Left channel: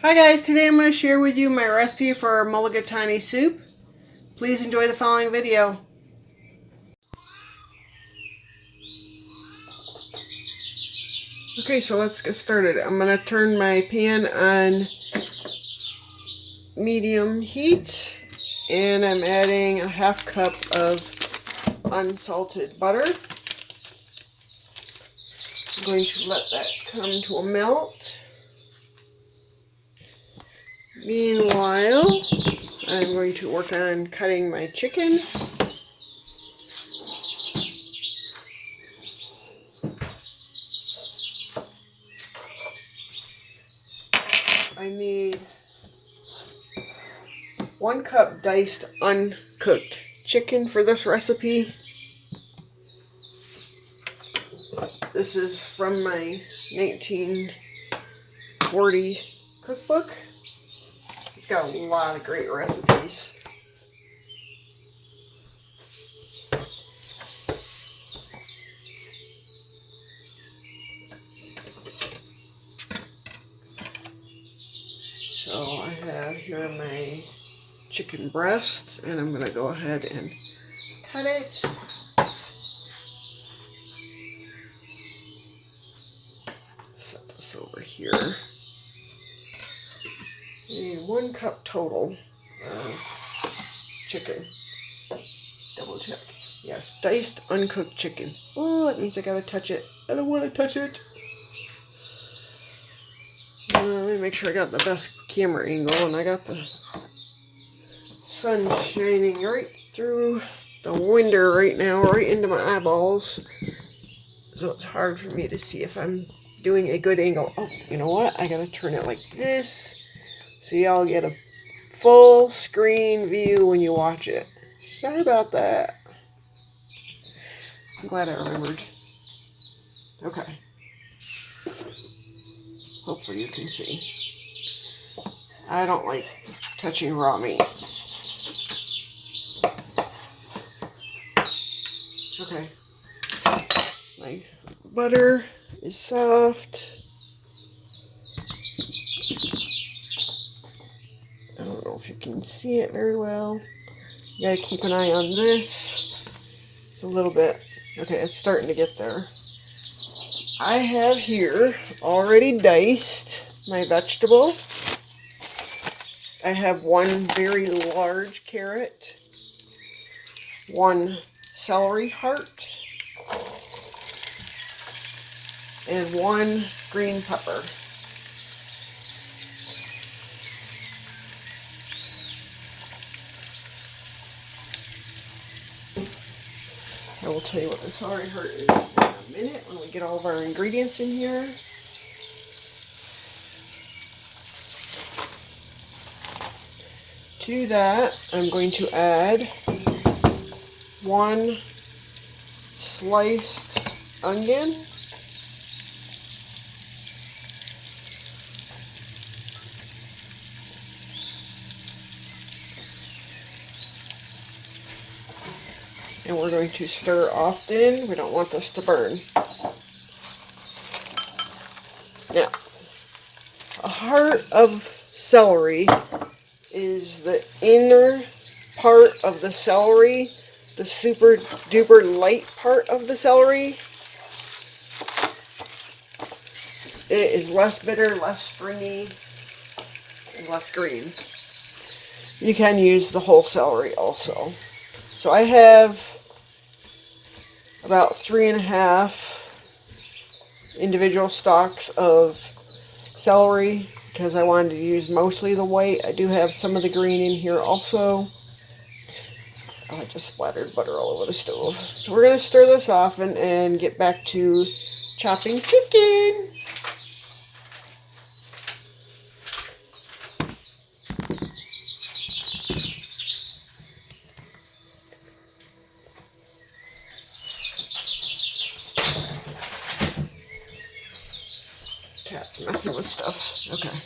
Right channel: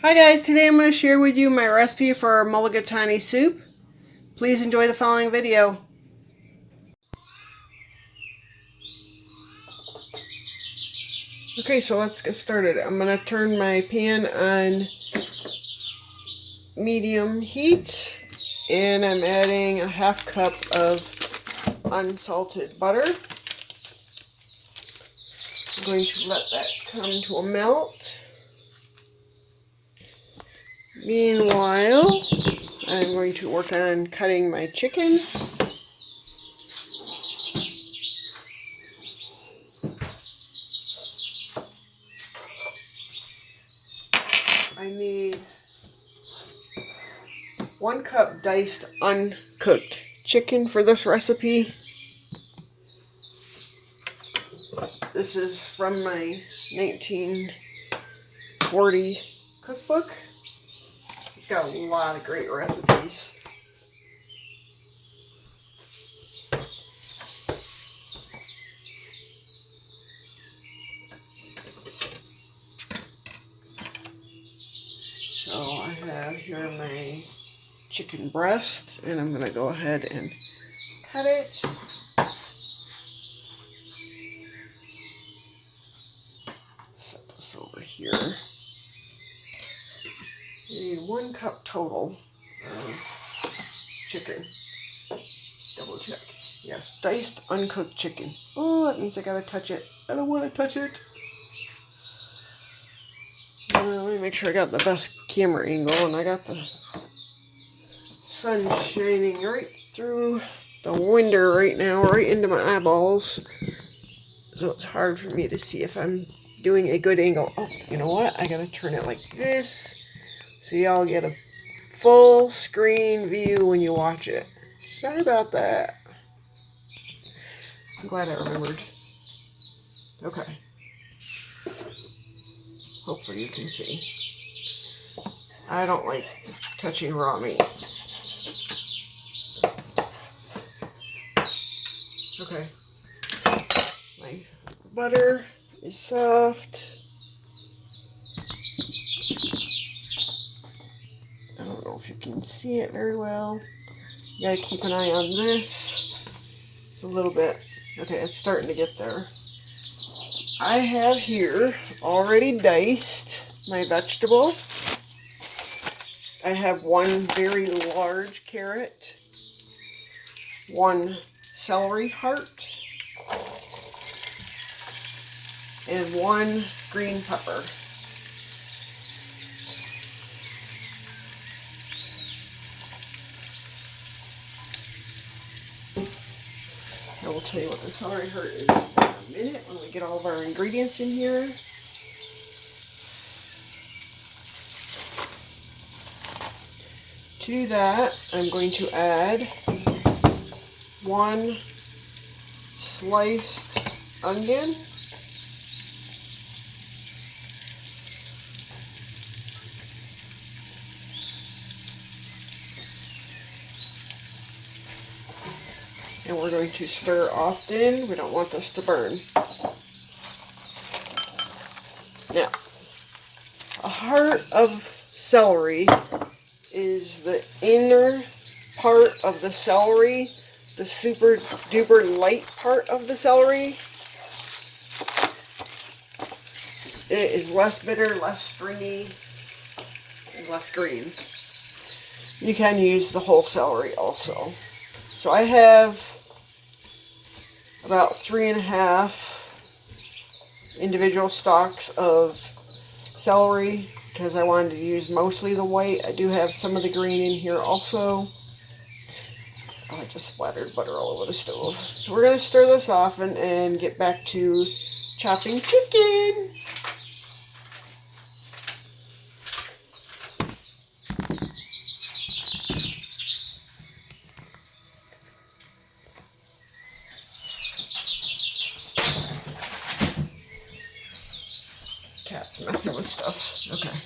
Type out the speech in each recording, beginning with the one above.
Hi guys, today I'm going to share with you my recipe for mulligatawny soup. Please enjoy the following video. Okay, so let's get started. I'm going to turn my pan on medium heat and I'm adding a half cup of unsalted butter. I'm going to let that come to a melt. Meanwhile, I'm going to work on cutting my chicken. I need 1 cup diced uncooked chicken for this recipe. This is from my 1940 cookbook. It's got a lot of great recipes. So I have here my chicken breast, and I'm going to go ahead and cut it. Set this over here. You need 1 cup total of chicken. Double check. Yes, diced uncooked chicken. Oh, that means I gotta touch it. I don't want to touch it. Let me make sure I got the best camera angle, and I got the sun shining right through the window right now, right into my eyeballs. So it's hard for me to see if I'm doing a good angle. Oh, you know what? I gotta turn it like this so y'all get a full screen view when you watch it. Sorry about that. I'm glad I remembered. Okay. Hopefully you can see. I don't like touching raw meat. Okay. My butter is soft. I don't know if you can see it very well. You gotta keep an eye on this. It's a little bit, okay, it's starting to get there. I have here already diced my vegetable. I have 1 very large carrot, 1 celery heart, and 1 green pepper. I will tell you what the celery heart is in a minute when we get all of our ingredients in here. To that, I'm going to add 1 sliced onion, and we're going to stir often. We don't want this to burn. Now, a heart of celery is the inner part of the celery, the super duper light part of the celery. It is less bitter, less stringy, and less green. You can use the whole celery also. So I have about 3.5 individual stalks of celery because I wanted to use mostly the white. I do have some of the green in here also. I just splattered butter all over the stove. So we're going to stir this off and get back to chopping chicken. Cat's messing with stuff. Okay.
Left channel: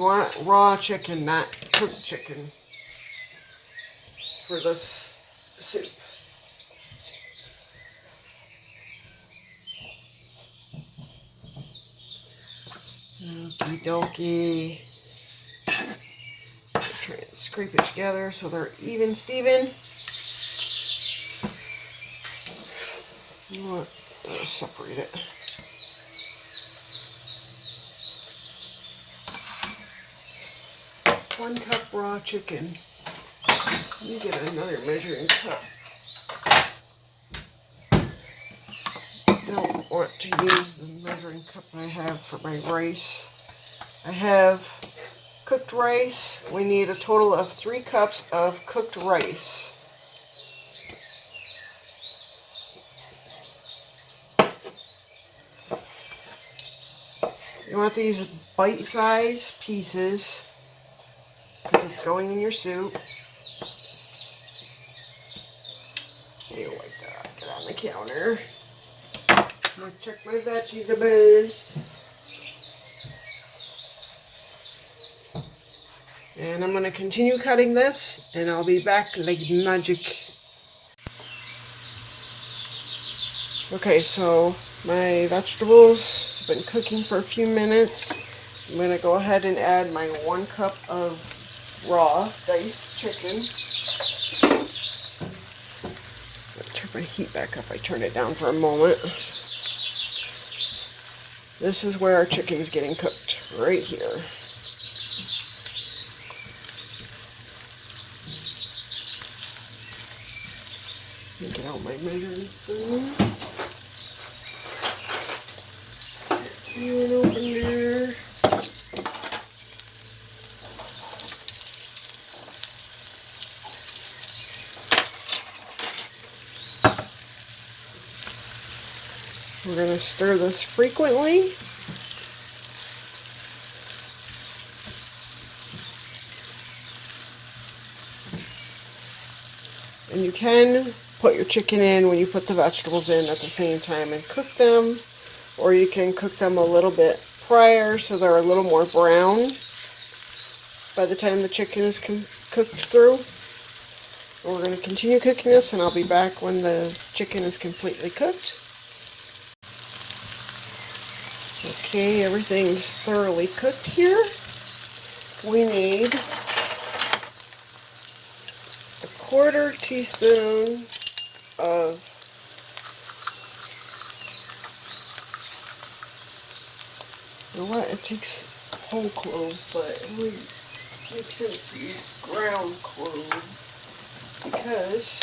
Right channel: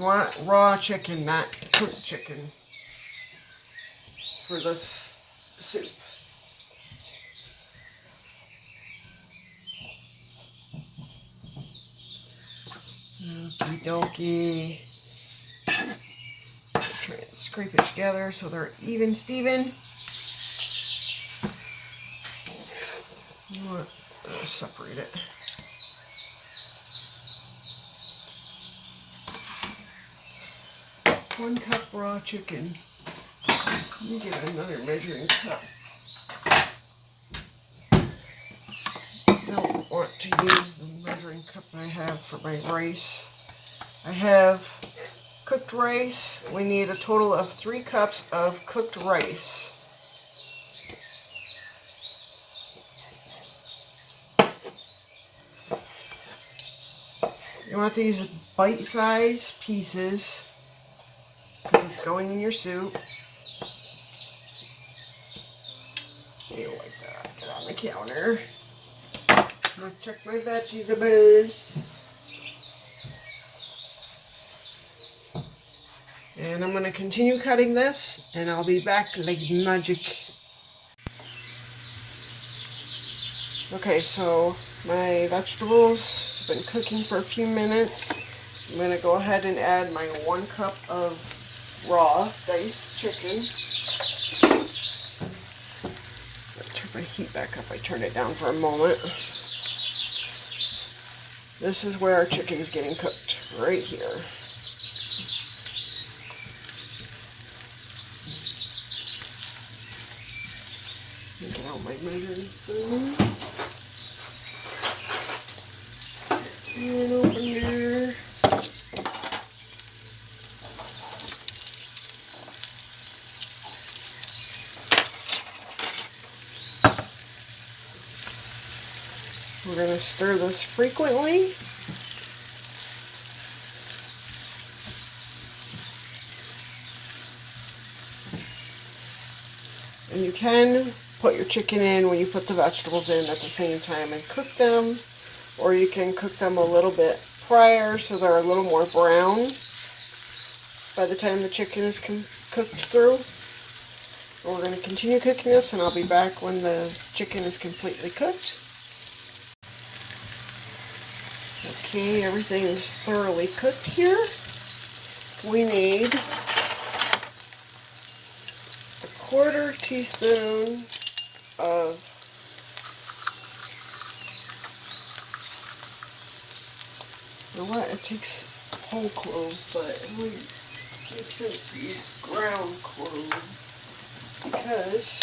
You want raw chicken, not cooked chicken, for this soup. Okie dokie. Try and scrape it together so they're even, Steven. You want to separate it. One cup raw chicken. Let me get another measuring cup. I don't want to use the measuring cup I have for my rice. I have cooked rice. We need a total of 3 cups of cooked rice. You want these bite-sized pieces because it's going in your soup. You like that. Get on the counter. I'm going to check my vegetables. And I'm going to continue cutting this, and I'll be back like magic. Okay, so my vegetables have been cooking for a few minutes. I'm going to go ahead and add my 1 cup of raw diced chicken. Turn my heat back up. I turned it down for a moment. This is where our chicken's getting cooked, right here. Get out my measuring spoon. See it open there. We're going to stir this frequently. And you can put your chicken in when you put the vegetables in at the same time and cook them, or you can cook them a little bit prior so they're a little more brown by the time the chicken is cooked through. Well, we're going to continue cooking this, and I'll be back when the chicken is completely cooked. Okay, everything's thoroughly cooked here. We need a 1/4 teaspoon of you know what, it takes whole cloves, but it would make sense to use ground cloves because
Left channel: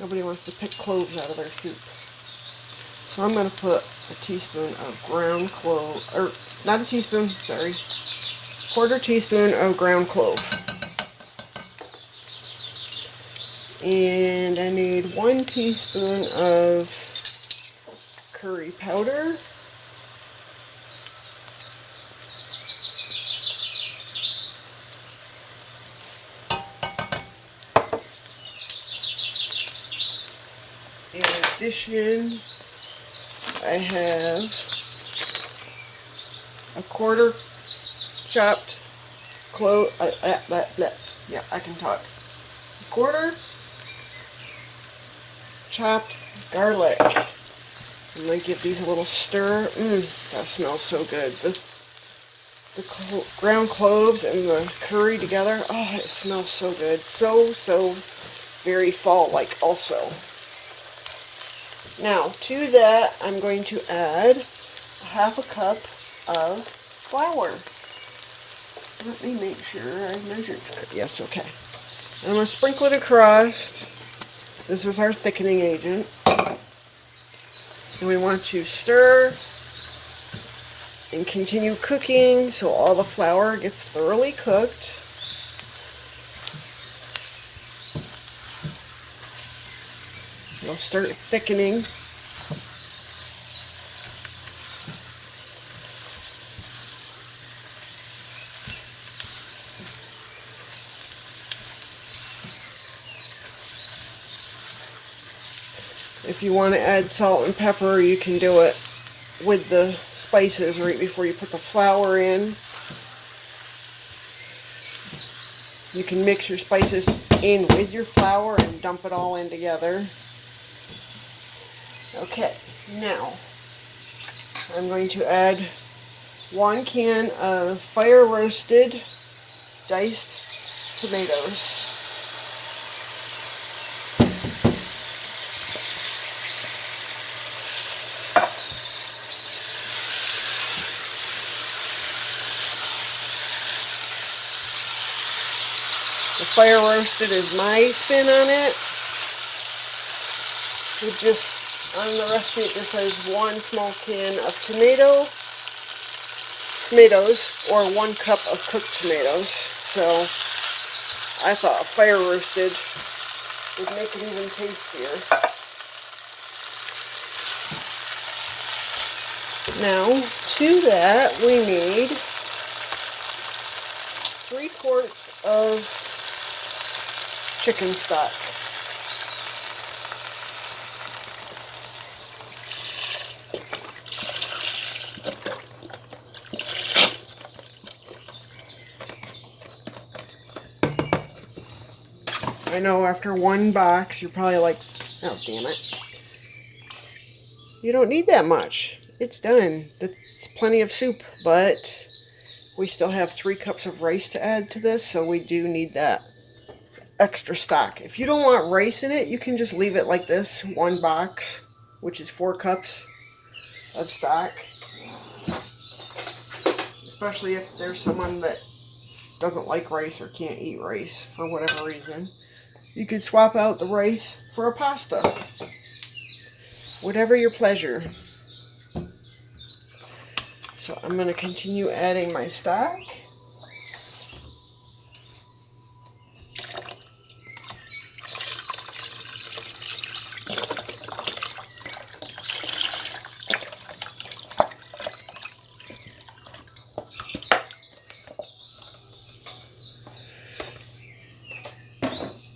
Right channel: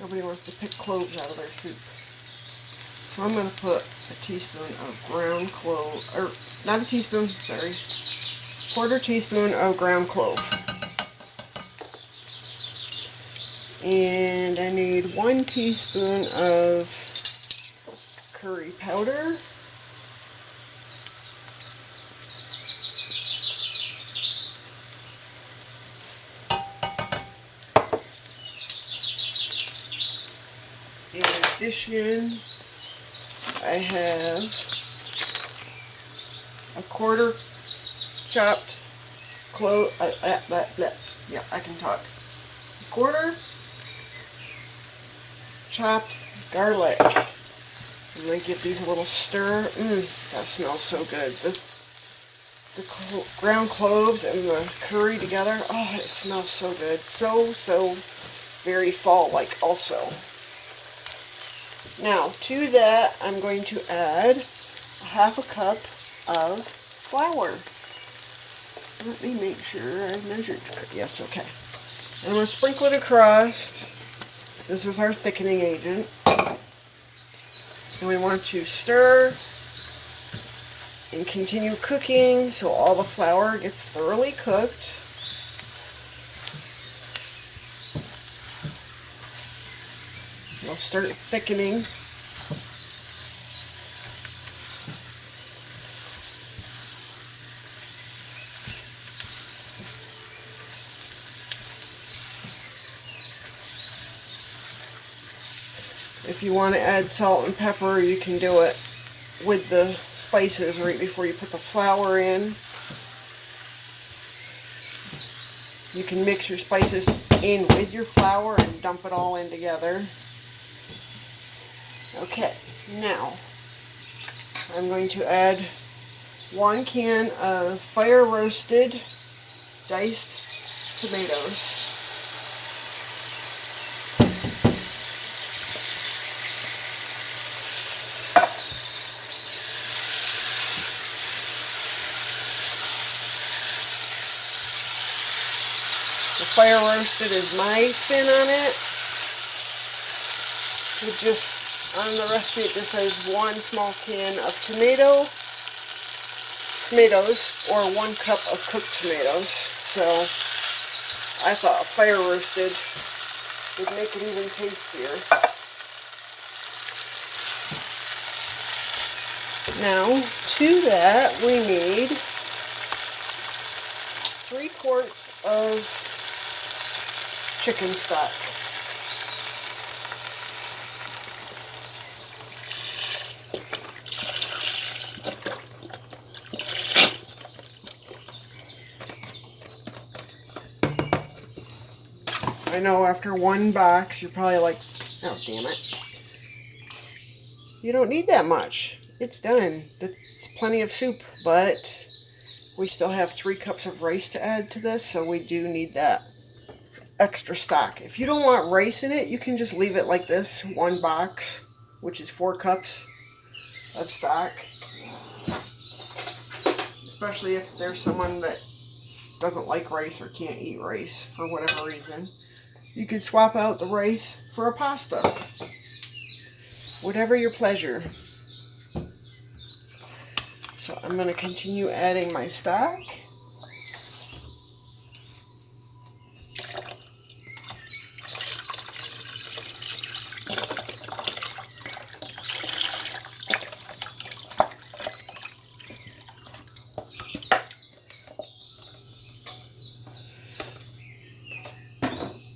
nobody wants to pick cloves out of their soup. So I'm going to put a teaspoon of ground clove, or not a teaspoon, sorry, 1/4 teaspoon of ground clove. And I need 1 teaspoon of curry powder. In addition, I have a 1/4 chopped clove. Yeah, I can talk. 1/4 chopped garlic. I'm going to give these a little stir. That smells so good. The ground cloves and the curry together. Oh, it smells so good. So very fall-like also. Now, to that, I'm going to add 1/2 cup of flour. Let me make sure I measured that. Yes, okay. I'm going to sprinkle it across. This is our thickening agent. And we want to stir and continue cooking so all the flour gets thoroughly cooked. We'll start thickening. If you want to add salt and pepper, you can do it with the spices right before you put the flour in. You can mix your spices in with your flour and dump it all in together. Okay, now I'm going to add 1 can of fire roasted diced tomatoes. The fire roasted is my spin on it. On the recipe it just says 1 small can of tomatoes or 1 cup of cooked tomatoes. So I thought fire roasted would make it even tastier. Now to that we need 3 quarts of chicken stock. I know after 1 box you're probably like, oh damn it. You don't need that much. It's done. That's plenty of soup, but we still have 3 cups of rice to add to this, so we do need that extra stock. If you don't want rice in it, you can just leave it like this, 1 box, which is 4 cups of stock. Especially if there's someone that doesn't like rice or can't eat rice for whatever reason. You could swap out the rice for a pasta. Whatever your pleasure. So I'm going to continue adding my stock.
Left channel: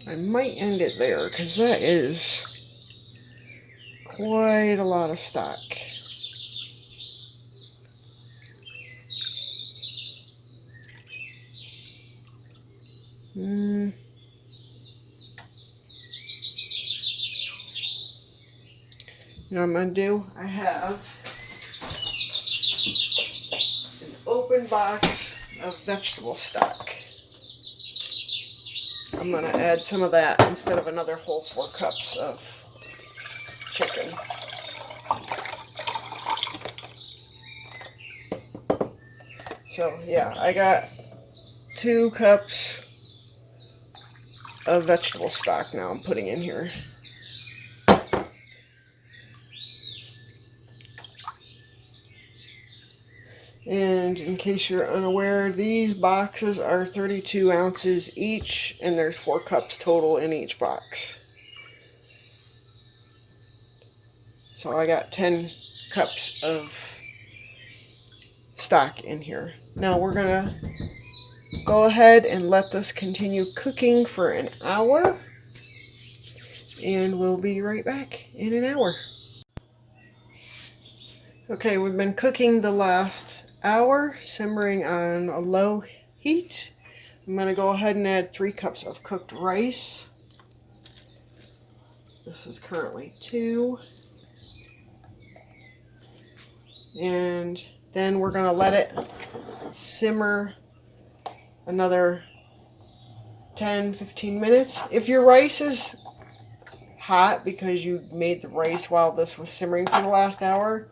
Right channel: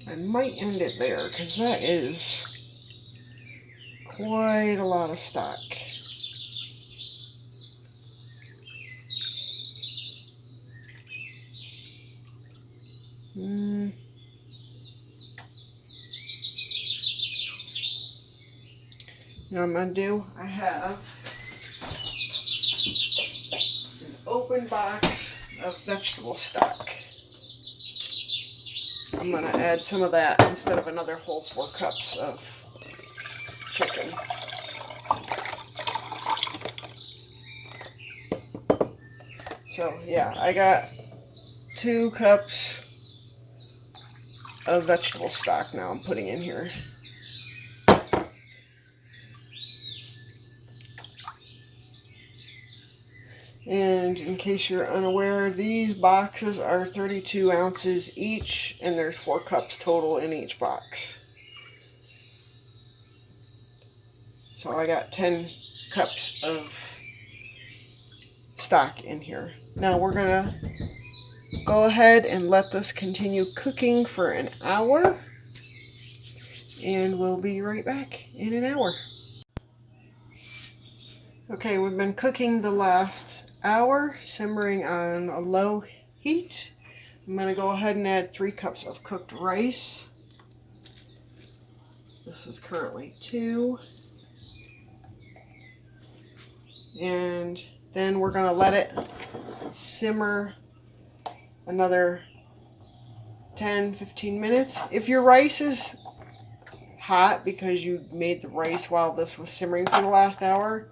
I might end it there because that is quite a lot of stock. You know what I'm going to do? I have an open box of vegetable stock. I'm going to add some of that instead of another whole 4 cups of chicken. So yeah, I got 2 cups of vegetable stock now I'm putting in here. And in case you're unaware, these boxes are 32 ounces each, and there's 4 cups total in each box. So I got 10 cups of stock in here. Now we're going to go ahead and let this continue cooking for an hour, and we'll be right back in an hour. Okay, we've been cooking the last hour, simmering on a low heat. I'm going to go ahead and add 3 cups of cooked rice. This is currently 2. And then we're going to let it simmer another 10-15 minutes. If your rice is hot because you made the rice while this was simmering for the last hour,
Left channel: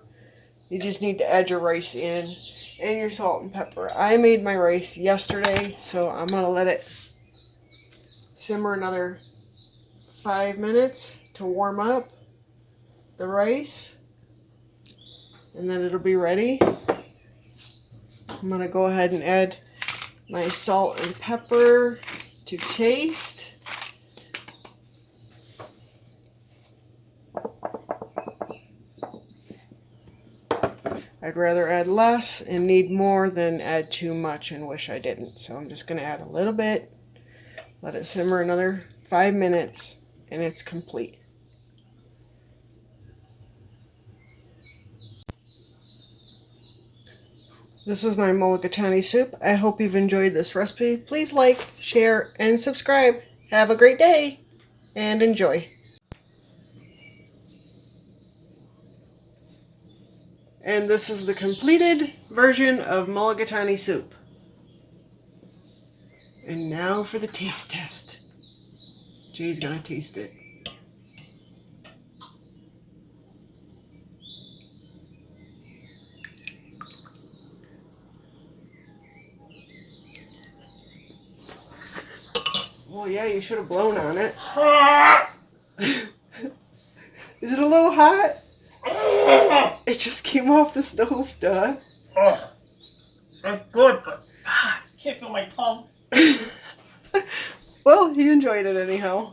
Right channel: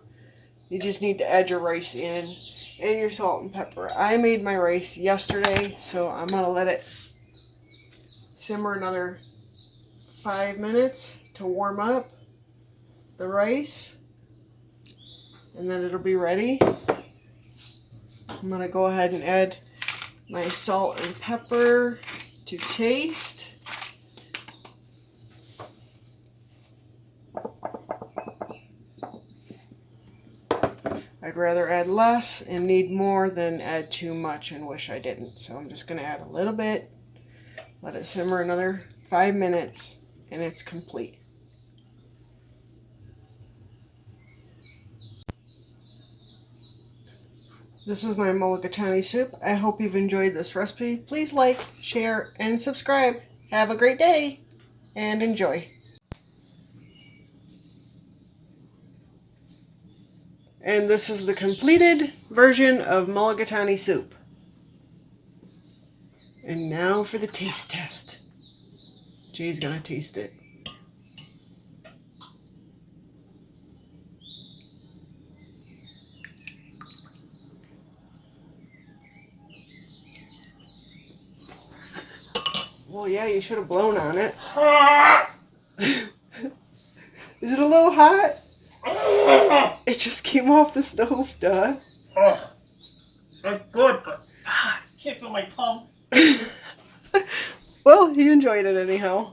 you just need to add your rice in and your salt and pepper. I made my rice yesterday, so I'm going to let it simmer another 5 minutes to warm up the rice, and then it'll be ready. I'm going to go ahead and add my salt and pepper to taste. I'd rather add less and need more than add too much and wish I didn't. So I'm just going to add a little bit, let it simmer another 5 minutes, and it's complete. This is my mulligatawny soup. I hope you've enjoyed this recipe. Please like, share, and subscribe. Have a great day and enjoy. And this is the completed version of mulligatawny soup. And now for the taste test. Jay's gonna taste it. Well, yeah, you should have blown on it. Is it a little hot? It just came off the stove, duh. Oh, that's good, but I can't feel my tongue. Well, you enjoyed it anyhow.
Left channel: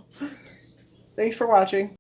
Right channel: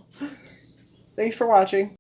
Thanks for watching.